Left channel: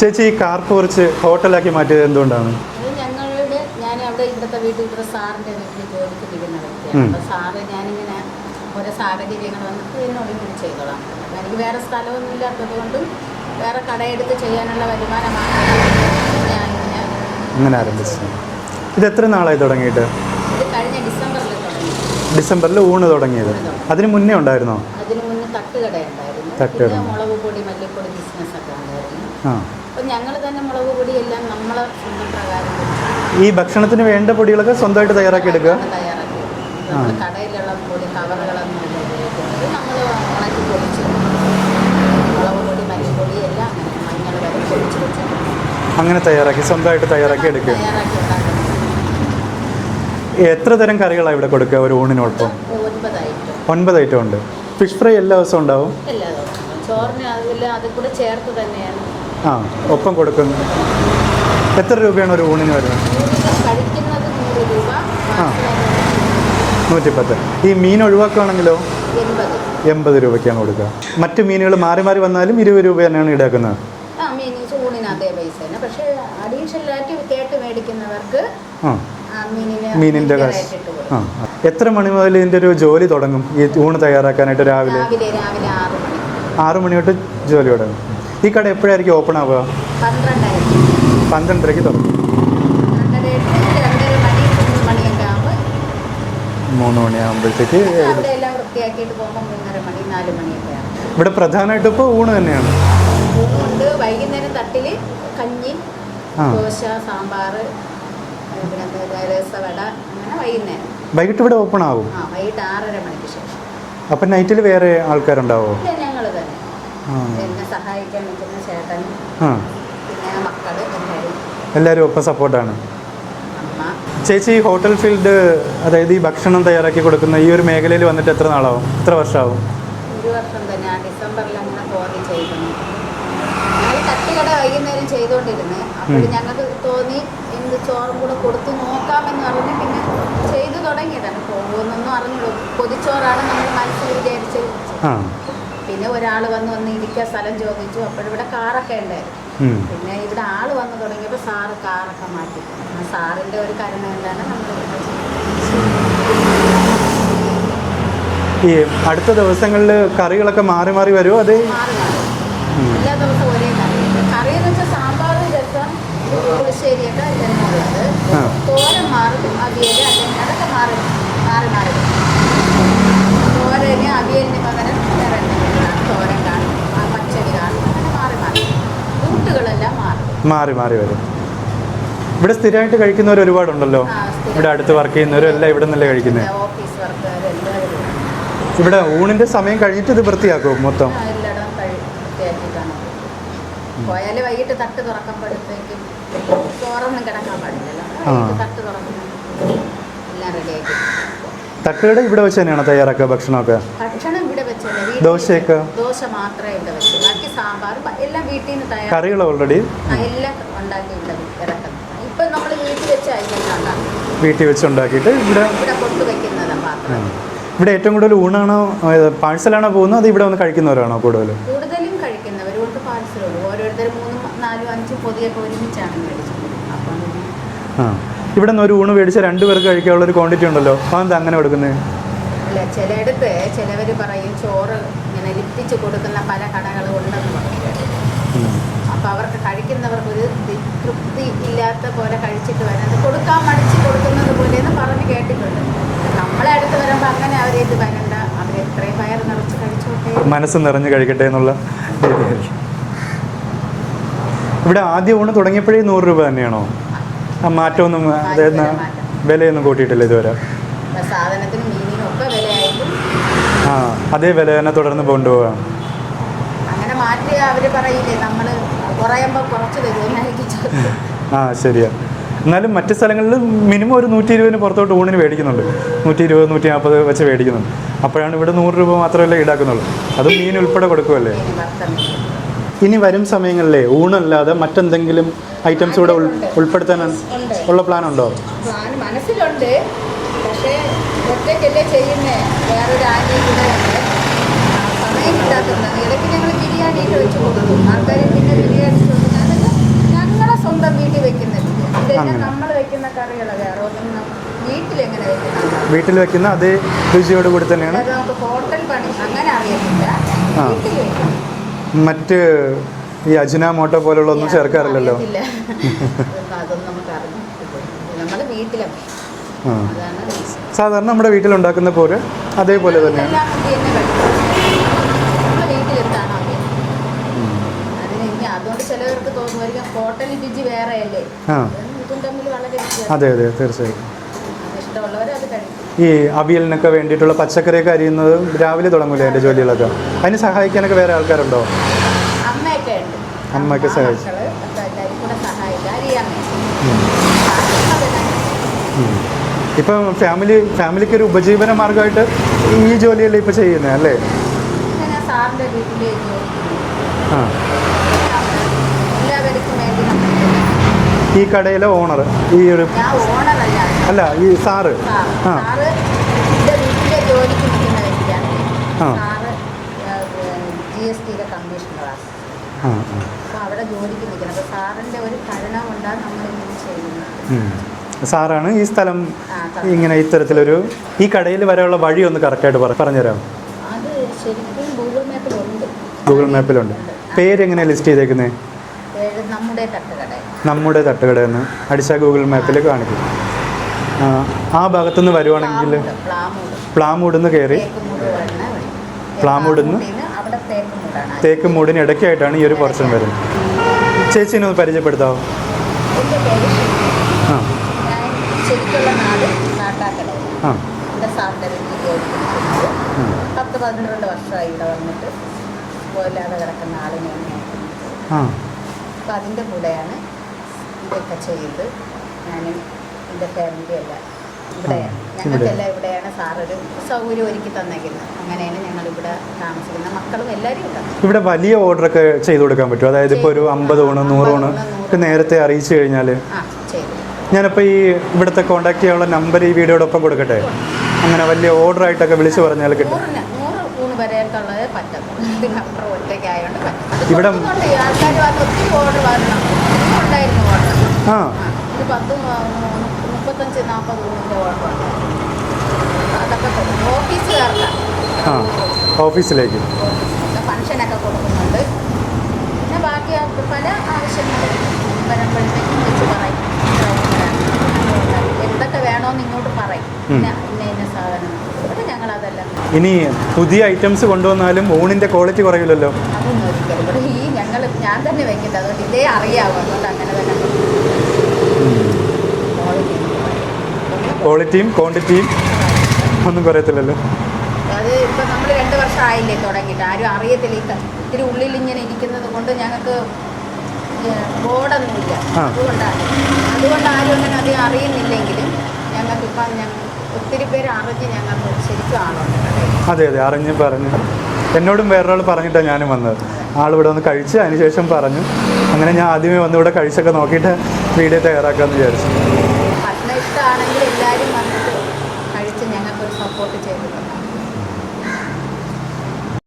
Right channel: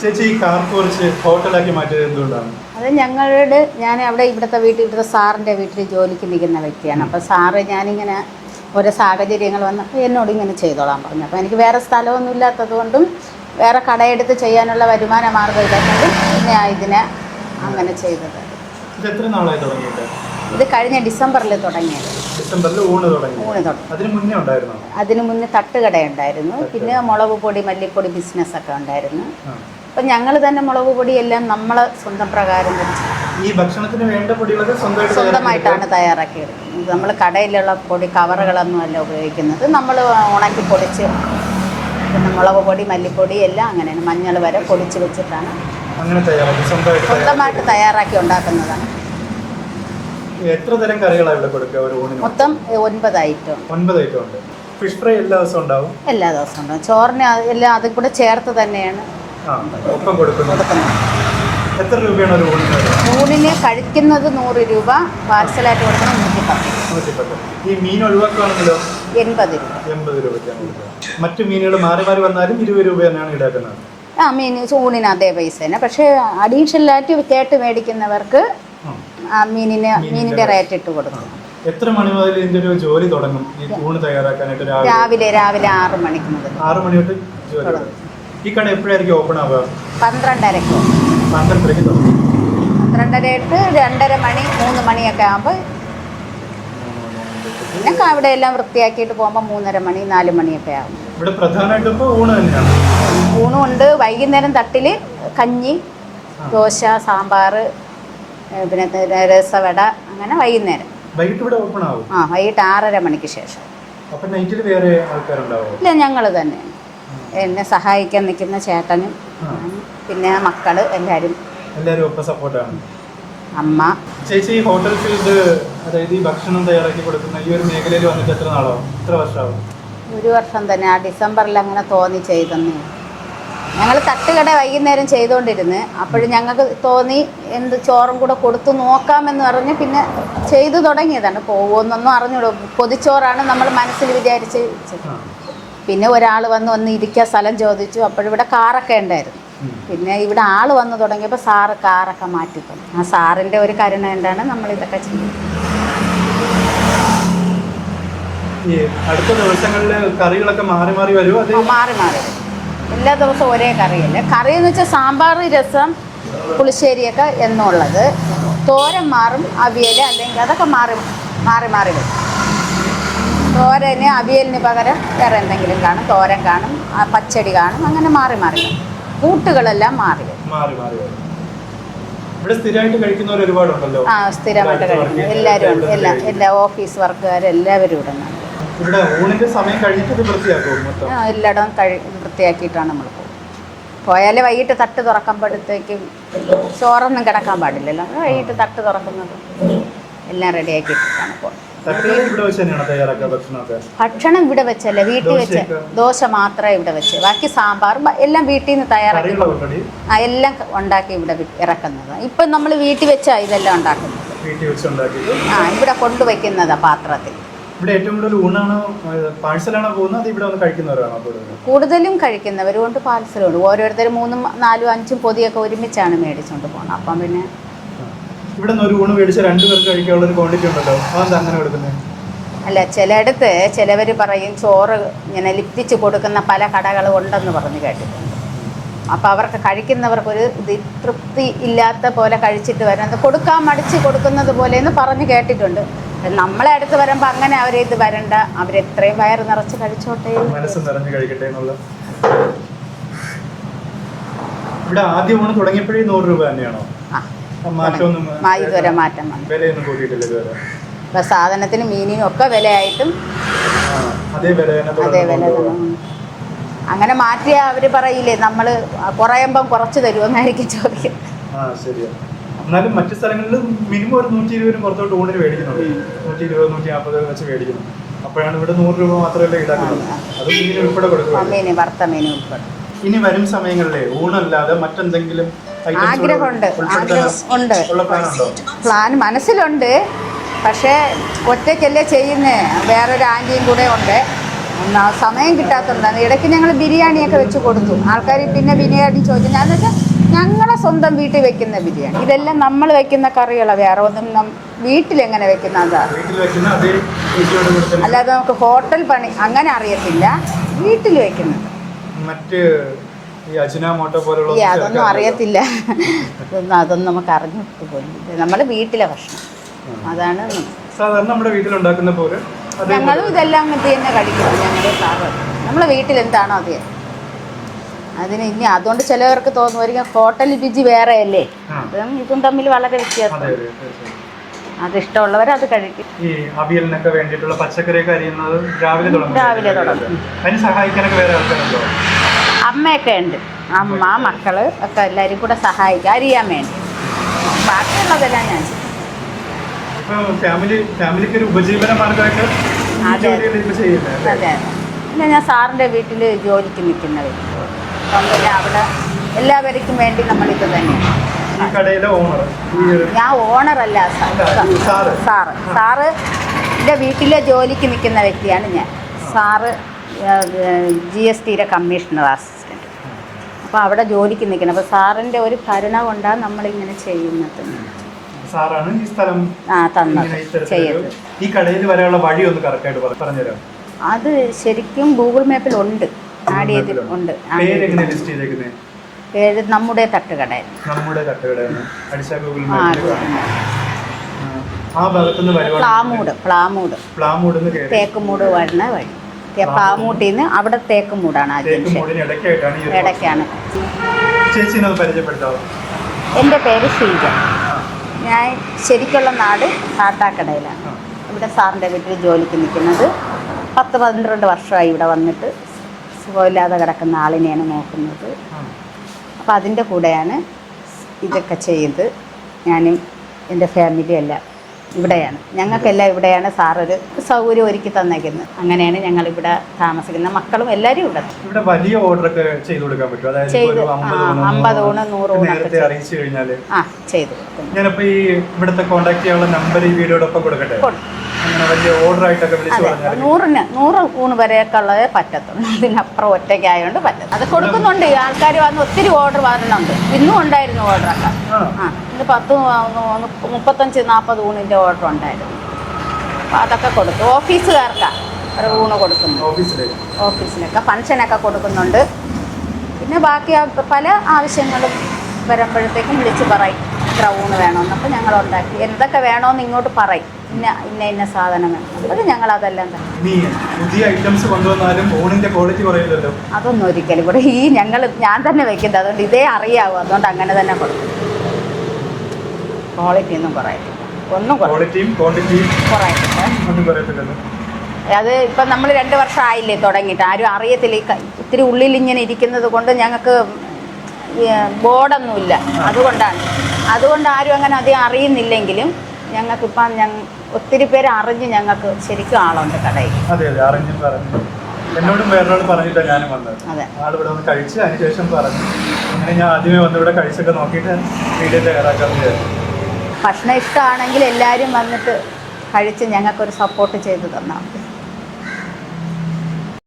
ചേച്ചി ഈ കാർ കുറച്ച് ഹോട്ടലാക്കി മാറ്റിയത് എന്തുകൊണ്ടാണ്? അത് ഞങ്ങളുടെ ഞാൻ അവിടെ ഇവിടുത്തെ വീട്ടിൽ ഇവിടുത്തെ സാറിന്റെ വീട്ടിൽ ജോലിക്ക് നിൽക്കുന്ന വ്യക്തിയാണ്. അപ്പോൾ സാറ് ഞാനിങ്ങനെ ഓരോ സാഹചര്യങ്ങൾ വന്നപ്പോൾ എന്നോട് ഇങ്ങനെ ചെയ്തോളാൻ പറഞ്ഞു. അപ്പോൾ എനിക്ക് വേറെ സ്ഥലമൊന്നും ഇല്ലാത്തത് കൊണ്ടും വേറെ കടയെടുത്ത് ചെയ്യാനുള്ള വരുമാന മാർഗം ഇല്ലാത്തതുകൊണ്ടും പിന്നെ ഇതിനെ അങ്ങനെ ഇത് എത്ര നാളായി തുടങ്ങിയിട്ട്? ഇത് കഴിഞ്ഞ ഡിസംബറിൽ തുടങ്ങി. ഡിസംബറിൽ ഊണ് തുടങ്ങി. അതിന് മുന്നേ ഉണ്ടായിരുന്നോ? അതിന് മുന്നേ തട്ടുകട. ഉണ്ടായിരുന്നു പിന്നെ മുളക് പൊടി മല്ലിപ്പൊടി ബിസിനസ് ഒക്കെ ഉണ്ടായിരുന്നു അപ്പം ഞങ്ങൾ തന്നെ മുളക് പൊടിയെല്ലാം നമ്മളെ സ്വന്തം പ്രകാരം ഈ ഭക്ഷണത്തിന് വേണ്ട പൊടികളൊക്കെ സ്വന്തമായിട്ട് സ്വന്തമായിട്ടാണ് തയ്യാറാക്കിയത്. നമ്മൾ കടയിലുള്ള പൊടി കവറുകളൊന്നും അല്ല ഉപയോഗിക്കുന്നത്. നമ്മൾ ഉണക്കി പൊടിച്ച് മുളക് പൊടി മല്ലിപ്പൊടി എല്ലാം അങ്ങനെയാണ് മഞ്ഞൾ വരെ പൊടിച്ച് വെച്ചിട്ടാണ് അങ്ങനെ തയ്യാറാക്കി സ്വന്തമായിട്ട് തയ്യാറാക്കി സ്വന്തമായിട്ട് എടുക്കുക തയ്യാറാക്കി ഉണ്ടാക്കുന്നതാണ്. എത്ര തരം കറികളാണ് ഇവിടെ കൊടുക്കുക ഒരു ഊണിന് മൊത്തം? ഒൻപത് ഐറ്റം. ഒൻപത് ഐറ്റം ഉണ്ട്. ഫിഷ് ഫ്രൈ എല്ലാ ദിവസവും ഉണ്ടാവും? എല്ലാ ദിവസവും ഉണ്ടാവും. ചോറിന് എല്ലാം അതും കൂടെ ചേർത്ത് തന്നെയാണ് ആ. ഒപ്പം കൊടുക്കുന്നു. കൊടുക്കുന്നത് എത്ര രൂപയാണ് ഒരു ഊണിന് വരുന്നത് ഊണിന് കഴിക്കുന്നത് നൂറ് രൂപ പാർസലായിട്ട് കൊടുക്കുന്നത് നൂറ്റി പത്ത് നൂറ്റിപ്പത്ത്. ഈ മീൻ ഒഴിവാക്കുകയാണെങ്കിലോ എൺപത്. എൺപത് രൂപയ്ക്കാണ് കൊടുക്കുക. മറ്റു മീനുകൾ മാറി മാറി വന്നാലും ഇരുപത് രൂപ തന്നെയാണ് ഈടാക്കുന്നത്. ആ മീൻ ഊണിന് അതേ പൈസ തന്നെ. പക്ഷേ അഡീഷണലായിട്ട് കേട്ട് മേടിക്കുന്നവർക്ക് മീനിന് മീനിന്റെ റേറ്റ് ഇട്ട് കൊടുക്കും. എത്ര മണി മുതൽ ഇതിന്റെ ഒരു ജോലി തുടങ്ങും? ഈ ഊണ് തയ്യാറാക്കാനായിട്ട് രാവിലെ? രാവിലെ രാവിലെ ആറ് മണി ആറ് മണി തൊട്ട് ജോലി തുടങ്ങും. ഈ കട എപ്പോഴായിരിക്കും ഓപ്പൺ ആവുക? പന്ത്രണ്ടരയ്ക്ക്. പന്ത്രണ്ടരയ്ക്ക് തുടങ്ങും. പന്ത്രണ്ടരയിട്ട് രണ്ടര മണി മൂന്ന് മണിയൊക്കെ ആകുമ്പോൾ മൂന്ന് മണിയാകുമ്പോഴത്തേക്ക് ഞങ്ങൾക്ക് അവിടെ എല്ലാം വൃത്തിയാക്കിയിട്ട് പോകുമ്പോൾ മൂന്നര മണി നാല് മണിയൊക്കെ ആകും ഇവിടെ പ്രധാനമായിട്ട് ഇപ്പോൾ ഊണ് തന്നെയാണ്. ഊണുണ്ട്. വൈകുന്നേരം തട്ടിൽ കഞ്ഞി. ദോശ സാമ്പാർ പിന്നെ രസവട അങ്ങനെ വൈകുന്നേരം. വൈകിട്ട് ഇവിടെ ഓപ്പൺ ആവും. ആ വൈകിട്ട് ആറര മണിക്ക് ശേഷം. അപ്പം നൈറ്റിൽ വേറെ ആൾക്കാരുണ്ടാവും? ഇല്ല ഞങ്ങൾ തന്നെ. എന്നെ സഹായിക്കാൻ നിൽക്കുന്ന ചേട്ടനും പിന്നെ മക്കൾ എല്ലാവരും എല്ലാവരും ഒപ്പം സപ്പോർട്ടാണ്. അമ്മ. ചേച്ചി ഹോട്ടൽ ഫീൽഡ് അതായത് ഈ ഭക്ഷണം തയ്യാറാക്കി കൊടുക്കുന്ന ഈ ഒരു മേഖലയിൽ വന്നിട്ട് എത്ര നാളാവും? എത്ര വർഷമാവും ഒരു വർഷം തന്നെ. ആ ഡിസംബറിൽ അങ്ങനെ തോന്നി ചെയ്തെന്ന്. ഞങ്ങൾ തട്ടുകട വൈകുന്നേരം ചെയ്തുകൊണ്ടിരുന്ന് അപ്പോഴും ഞങ്ങൾക്ക് തോന്നി എന്ത് ചോറും കൂടെ കൊടുത്തു നോക്കാമെന്ന് പറഞ്ഞ് പിന്നെ ചെയ്തു തുടങ്ങിയതാണ്. പോകുമെന്നൊന്നും അറിഞ്ഞൂടും? പൊതിച്ചോറാണ് നമ്മൾ മനസ്സിൽ വിചാരിച്ച് പിന്നെ ഒരാൾ വന്ന് ഒന്ന് ഇരിക്കാൻ സ്ഥലം ചോദിച്ചു. അപ്പോഴിവിടെ കാറൊക്കെ ഉണ്ടായിരുന്നു. പിന്നെ ഇവിടെ ആൾ വന്ന് തുടങ്ങിയപ്പോൾ സാറ് കാറൊക്കെ മാറ്റി ആ സാറിന്റെ ഒരു കരുണ കൊണ്ടാണ് നമ്മളിതൊക്കെ ചെയ്യുന്നത് ഈ അടുത്ത ദിവസങ്ങളിൽ കറികളൊക്കെ മാറി മാറി വരുമോ അത് മാറി മാറി. എല്ലാ ദിവസവും ഒരേ കറിയല്ല? കറി എന്ന് വെച്ചാൽ സാമ്പാർ രസം പുളിശ്ശേരിയൊക്കെ എന്നുള്ളത്. തോരൻ മാറും അവിയൽ അല്ലെങ്കിൽ അതൊക്കെ മാറി മാറി മാറി വരും. തോരന് അവിയലിന് പകരം വേറെ എന്തെങ്കിലും കാണും. തോരൻ കാണും പച്ചടി കാണും അങ്ങനെ മാറി മാറി. കൂട്ടുകളെല്ലാം മാറി മാറി മാറി വരും. ഇവിടെ സ്ഥിരമായിട്ട് കഴിക്കുന്നവർ ഒരുപാടുണ്ടല്ലോ. എല്ലാ ഓഫീസ് വർക്കുകാരെല്ലാവരും ഇവിടെ. ഇവിടെ ഊണിന്റെ സമയം കഴിഞ്ഞിട്ട് ഇത് വൃത്തിയാക്കും മൊത്തം? എല്ലായിടവും വൃത്തിയാക്കിയിട്ടാണ് നമ്മൾ. പോയാലേ വൈകിട്ട് തട്ട് തുറക്കുമ്പോഴത്തേക്കും ചോറൊന്നും കിടക്കാൻ പാടില്ലല്ലോ. വൈകിട്ട് തട്ട് തുറക്കുന്നത്. എല്ലാം റെഡി ആക്കി തട്ടുകട ഇവിടെ വെച്ച് തന്നെയാണ് തയ്യാറാക്കുക ഭക്ഷണമൊക്കെ? ഭക്ഷണം ഇവിടെ വെച്ചല്ലേ വീട്ടിൽ വെച്ച്? ദോശ മാത്രമേ ഇവിടെ വെച്ച്. ബാക്കി സാമ്പാർ ബ- എല്ലാം വീട്ടിൽ നിന്ന് തയ്യാറാക്കി ആ എല്ലാം ഉണ്ടാക്കി ഇവിടെ ഇറക്കുന്നത്. ഇപ്പൊ നമ്മൾ വീട്ടിൽ വെച്ചാണ് ഇതെല്ലാം ഉണ്ടാക്കുന്നത്. വീട്ടിൽ വെച്ച് ഉണ്ടാക്കിയിട്ട് ഇവിടെ കൊണ്ടുവയ്ക്കുന്നതാണ് പാത്രത്തിൽ. ഇവിടെ ഏറ്റവും കൂടുതൽ ഊണാണോ പാഴ്സലാണോ പോകുന്നത്? ഇവിടെ വന്ന് കഴിക്കുന്നവരാണോ കൂടുതലും കൂടുതലും കഴിക്കുന്നവരുകൊണ്ട് പാർസലുണ്ട് ഓരോരുത്തർ മൂന്നും നാലും അഞ്ചും പൊതിയൊക്കെ ഒരുമിച്ചാണ് മേടിച്ചുകൊണ്ട് പോകുന്നത്. അപ്പം പിന്നെ ഇവിടെ നിന്ന് ഒരു ഊണ് മേടിച്ച രണ്ടു പേർക്ക് കഴിക്കാനുള്ള ഒരു ക്വാണ്ടിറ്റി ഉണ്ടല്ലോ. അതെന്താ അങ്ങനെ കൊടുക്കുന്നത് അല്ല ചിലയിടത്ത് ചിലവർ പറയും ചോറ് ഇങ്ങനെ ലിപ്പിച്ച് കൊടുക്കുന്ന പല കടകളും ഉണ്ടെന്ന് പറഞ്ഞു കേട്ടു. അപ്പോൾ അവർക്ക് കഴിക്കുന്നവർക്ക് ഒരു തൃപ്തി ഇല്ലാത്ത പോലെ കഴിച്ചിട്ട് വരുന്നത് കൊടുക്കാൻ മടിച്ച് കൊടുക്കുന്നത് പോലെ എന്ന് പറഞ്ഞു കേട്ടിട്ടുണ്ട്. നമ്മളെ അടുത്ത് വരുമ്പോൾ അങ്ങനെ അവരെ ഇത് വരണ്ട അവരെത്രയും വയറ് നിറച്ച് കഴിച്ചോട്ടെ. മനസ്സ് നിറഞ്ഞു കഴിക്കട്ടെ എന്നുള്ള ഇവിടെ ആദ്യം ഊണ് തുടങ്ങിയപ്പോഴേ നൂറ് രൂപ തന്നെയാണോ? മാറ്റമൊന്നും ഇതുവരെ മാറ്റം. വിലയൊന്നും കൂട്ടിയിട്ടില്ല ഇതുവരെ. സാധനത്തിന് മീനിനും ഒക്കെ വിലയായിട്ടും അതേ വില തന്നെ തുടർന്ന്. കൊണ്ടുപോകാം അങ്ങനെ മാറ്റിയ അവർ പറയില്ലേ നമ്മൾ കുറയുമ്പോ കുറച്ച് തരുമെന്നായിരിക്കും ചോദ്യം. ആ ശരിയാ. എന്നാലും മറ്റു സ്ഥലങ്ങളിൽ മിനിമം ഒരു നൂറ്റി ഇരുപതിന് പുറത്തോട്ട് ഊണിന് മേടിക്കുന്നുണ്ട്. നൂറ്റി ഇരുപത് നൂറ്റി നാൽപ്പത് വെച്ച് മേടിക്കുന്നുണ്ട്. അപ്പോഴാണ് ഇവിടെ നൂറ് രൂപ മാത്രമല്ല ഈടാക്കുന്നുള്ളൂ. അത് മീൻ ഉൾപ്പെടെ കൊടുക്കുമല്ലേ ഇനി വരും സമയങ്ങളിലെ ഊണല്ലാതെ മറ്റെന്തെങ്കിലും ഐറ്റംസ് കൂടെ ഉൾപ്പെടുത്താൻ ഉള്ള പ്ലാൻ ഉണ്ടോ പ്ലാൻ മനസ്സിലുണ്ട്. പക്ഷേ ഒറ്റയ്ക്കല്ലേ ചെയ്യുന്നേ. വേറൊരു ആന്റിയും കൂടെ ഉണ്ട്. സമയം കിട്ടാത്തതാണ് ഇടയ്ക്ക് ഞങ്ങൾ ബിരിയാണിയൊക്കെ വെച്ച് കൊടുത്തു. ആൾക്കാർ പിന്നെ ബിരിയാണി ചോദിച്ചു. ഞാൻ ഞങ്ങളെ സ്വന്തം വീട്ടിൽ വെക്കുന്ന ബിരിയാണി. ഇതെല്ലാം നമ്മൾ വെക്കുന്ന കറികളാണ് വേറെ ഒന്നും വീട്ടിൽ വീട്ടിലെങ്ങനെ വെക്കുന്ന വീട്ടിൽ വെക്കുന്ന അതേ രുചിയോട് കൂടി തന്നെ അല്ലാതെ നമുക്ക് ഹോട്ടൽ പണി അങ്ങനെ അറിയത്തില്ല. വീട്ടിൽ വെക്കുന്നു മറ്റ് ഈ അജിനാമോട്ടോ പോലുള്ള അതൊന്നും അറിയത്തില്ല. അതൊന്നും നമുക്ക് അറിഞ്ഞു നമ്മുടെ വീട്ടിലെ ഭക്ഷണം. അതാണ് സാധാരണ നമ്മുടെ വീട്ടിലുണ്ടാക്കുന്ന പോലെ അതേപോലെ ഇതെല്ലാം ഇത് തന്നെ കഴിക്കും. നമ്മളെ വീട്ടിൽ എന്താണോ അത്. അതിന് ഇനി അതുകൊണ്ട് ചിലവർക്ക് തോന്നുമായിരിക്കും ഹോട്ടൽ രുചി വേറെ അല്ലേ ആ. അതും ഇതും തമ്മിൽ വളരെ വ്യത്യാസം. അതെ അതെ തീർച്ചയായും അത് ഇഷ്ടമുള്ളവർ അത് കഴിക്കും. ഈ അവിയലിനൊക്കെ വേണ്ടിയിട്ടുള്ള പച്ചക്കറിയൊക്കെ അരിയുന്നത് രാവിലെ തുടങ്ങും അതിന് സഹായിക്കാനൊക്കെ വേറെ ആൾക്കാരുണ്ടോ? അമ്മയൊക്കെ ഉണ്ട്. അമ്മ അമ്മയൊക്കെ സഹായിക്കും. മക്കൾ ഒക്കെ എല്ലാവരും കൂടെ സഹായിക്കും. അറിയാൻ വേണ്ടി. ബാക്കിയുള്ളതെല്ലാം ഞാൻ ചെയ്യും. ഉം. ഇപ്പൊ ഫാമിലി ഫാമിലിക്ക് ഒരു ഉപജീവന മാർഗമായിട്ട് ഈ അതെ. ജോലിയല്ലേ ഇപ്പൊ ചെയ്യുന്നത് അല്ലേ? അതെ പിന്നെ ഞാൻ സാറിന്റെ വീട്ടിൽ ജോലിക്ക് നിൽക്കുന്നത്. ആ. അപ്പം പിന്നെ അവിടെ എല്ലാവർക്കും വേണ്ടി നമ്മളിത് തന്നെ ഈ കടയിലെ ഓണർ ഈ ഒരു ഞാൻ ഓണറല്ല അല്ല. ഈ സാറ്. സാറ്. എന്റെ വീട്ടിലെ ജോലിക്ക് നിൽക്കുന്ന വ്യക്തിയാണ് ഞാൻ. സാറ് ജി എസ് ടിയുടെ കമ്മീഷണർ അസിസ്റ്റന്റ്. അപ്പോൾ അവിടെ ജോലിക്ക് നിൽക്കുന്നത് അപ്പോൾ സാറിന്റെ ഒരു ഭരണ കൊണ്ടാണ് നമ്മളിങ്ങനെ ചെയ്യുന്നത്. സാറാണ് ഈ സ്ഥലം. ഇങ്ങനെ ഇത്തരത്തിലൊരു ഈ കടയിൽ വരെയുള്ള വഴി ഒന്ന് കറക്റ്റായിട്ട് പറഞ്ഞുതരാം അത് ശരിക്കും ഗൂഗിൾ മാപ്പിൽ ഉണ്ട് ഗൂഗിൾ മാപ്പിൽ മാപ്പിലുണ്ട് ഉണ്ട്. പേര് എങ്ങനെ ലിസ്റ്റ് ചെയ്തേക്കുന്നത് പേര് നമ്മുടെ തട്ടുകട നമ്മുടെ തട്ടുകടയെന്ന് അടിച്ച ഗൂഗിൾ മാപ്പിൽ കാണും. ആ, ഭാഗത്തു നിന്ന് വരുവാണെങ്കിൽ പ്ലാമൂട് പ്ലാമൂട്. നിന്ന് കയറി. തേക്കുമൂട് വരുന്ന വഴി. അവിടെ തേക്കുമൂടാണ് ഇടയ്ക്കായിട്ടാണ് ഈ ഒരു. വരുന്നത്. ചേച്ചിനെ ഒന്ന് പരിചയപ്പെടുത്താമോ എന്റെ പേര് ഷീജ. ഞാൻ ശരിക്കുള്ള നാട് കാട്ടാക്കടയിലാണ്. ഇവിടെ സാറിന്റെ വീട്ടിൽ ജോലിക്ക് നിൽക്കുന്നത്. പത്ത് പന്ത്രണ്ട് വർഷമായി ഇവിടെ വന്നിട്ട് സുഖമില്ലാതെ കിടക്കുന്ന ആളിനെയാണ് നോക്കുന്നത്. ആ അപ്പം അതിന്റെ കൂടെയാണ് ഇതൊക്കെ ചെയ്ത് ഞാനും എന്റെ ഫാമിലിയും എല്ലാം ഇവിടെയാണ്. ഞങ്ങൾക്കെല്ലാം ഇവിടെയാണ് സാറൊരു സൗകര്യം ഒരുക്കി തന്നേക്കുന്നത്. അങ്ങനെയാണ് ഞങ്ങൾ ഇവിടെ താമസിക്കുന്നത്. മക്കളും എല്ലാവരും ഇവിടെ. ഇവിടെ വലിയ ഓർഡർ ഒക്കെ ചെയ്തു കൊടുക്കാൻ പറ്റും അതായത് ഒരു. അമ്പത് ഓണം നേരത്തെ അറിയിച്ചു കഴിഞ്ഞാൽ ആ ചെയ്തു കൊടുക്കുന്നു. ഞാനപ്പോ ഈ ഇവിടുത്തെ കോണ്ടാക്ട് ചെയ്യാനുള്ള നമ്പർ ഈ വീഡിയോടൊപ്പം കൊടുക്കട്ടെ? നൂറിന് നൂറ് ഊണ് വരെയൊക്കെ ഉള്ളതേ പറ്റത്തുള്ളൂ ഇതിനപ്പുറം ഒറ്റയ്ക്കായതുകൊണ്ട് പറ്റും അത് കൊടുക്കുന്നുണ്ട്. ആൾക്കാർ വന്ന് ഒത്തിരി ഓർഡർ വരണുണ്ട്. ഇന്നും ഉണ്ടായിരുന്നു ഓർഡറൊക്കെ ആ. ഇത് പത്ത് മുപ്പത്തഞ്ച് നാൽപ്പത് ഊണിന്റെ ഓർഡർ ഉണ്ടായിരുന്നു. അപ്പോൾ അതൊക്കെ കൊടുത്തു. ഓഫീസുകാർക്കാണ് ഊണ് കൊടുക്കുന്നു ഓഫീസിലേക്ക്. ഓഫീസിലൊക്കെ. ഫംഗ്ഷനൊക്കെ കൊടുക്കുന്നുണ്ട്. പിന്നെ ബാക്കി പല ആവശ്യങ്ങളും വരുമ്പോഴത്തേക്കും വിളിച്ച് പറയും. ഇത്ര വേണം. വേണമെന്ന് അപ്പോൾ ഞങ്ങൾ ഉണ്ടാക്കി എന്തൊക്കെ വേണമെന്ന് ഇങ്ങോട്ട് പറയും. ഇന്ന ഇന്ന ഇന്ന സാധനം. അത് ഞങ്ങൾ അതെല്ലാം ഇനി പുതിയ ഐറ്റംസ് കൊണ്ടുവന്നാലും ഓണിന്റെ ക്വാളിറ്റി കുറയില്ലല്ലോ. അതൊന്നും ഒരിക്കലും. ഇവിടെ ഈ ഞങ്ങൾ ഞാൻ തന്നെ വെക്കുന്നത്. അതുകൊണ്ട് ഇതേ അറിയാവൂ. അതുകൊണ്ട് അങ്ങനെ തന്നെ കൊടുക്കും. ക്വാളിറ്റി ഒന്നും പറയും ഒന്നും ക്വാളിറ്റിയും ക്വാണ്ടിറ്റിയും കുറയും ഒന്നും കുറയത്തില്ലല്ലോ. അത് ഇപ്പം നമ്മൾ രണ്ട് വർഷം ആയില്ലേ തുടങ്ങിയിട്ട്. ആരും അറിയത്തില്ല. ഇത്തിരി ഉള്ളിൽ ഇങ്ങനെ ഇരിക്കുന്നത് കൊണ്ട് ഞങ്ങൾക്ക് ബോർഡൊന്നുമില്ല. അതുകൊണ്ടാണ്. അതുകൊണ്ട് ആരും അങ്ങനെ അധികം അറിയുന്നില്ലെങ്കിലും ഞങ്ങൾക്കിപ്പം ഞങ്ങൾ ഒത്തിരി പേര് അറിഞ്ഞ് ഞങ്ങൾക്ക് ശരിക്കും ആളുണ്ട് കടയിൽ. അതെ അതെ. അറിഞ്ഞ് പറഞ്ഞു. എന്നോടും വേറൊരാൾ പറഞ്ഞിട്ടാണ് ഞാനും വന്നത്. ആളിവിടെ വന്ന് കഴിച്ച് അതിനുശേഷം പറഞ്ഞു. അങ്ങനെ ഞാൻ ആദ്യമേ വന്ന് ഇവിടെ കഴിച്ചൊക്കെ നോക്കിയിട്ട് വീഡിയോ തയ്യാറാക്കാമെന്ന് വിചാരിച്ചു. ഭക്ഷണം ഇഷ്ടമാണെങ്കിൽ എല്ലാവരും വന്നിട്ട് കഴിച്ച് ഞങ്ങൾക്കൊരു സപ്പോർട്ട് ചെയ്ത് തന്നാൽ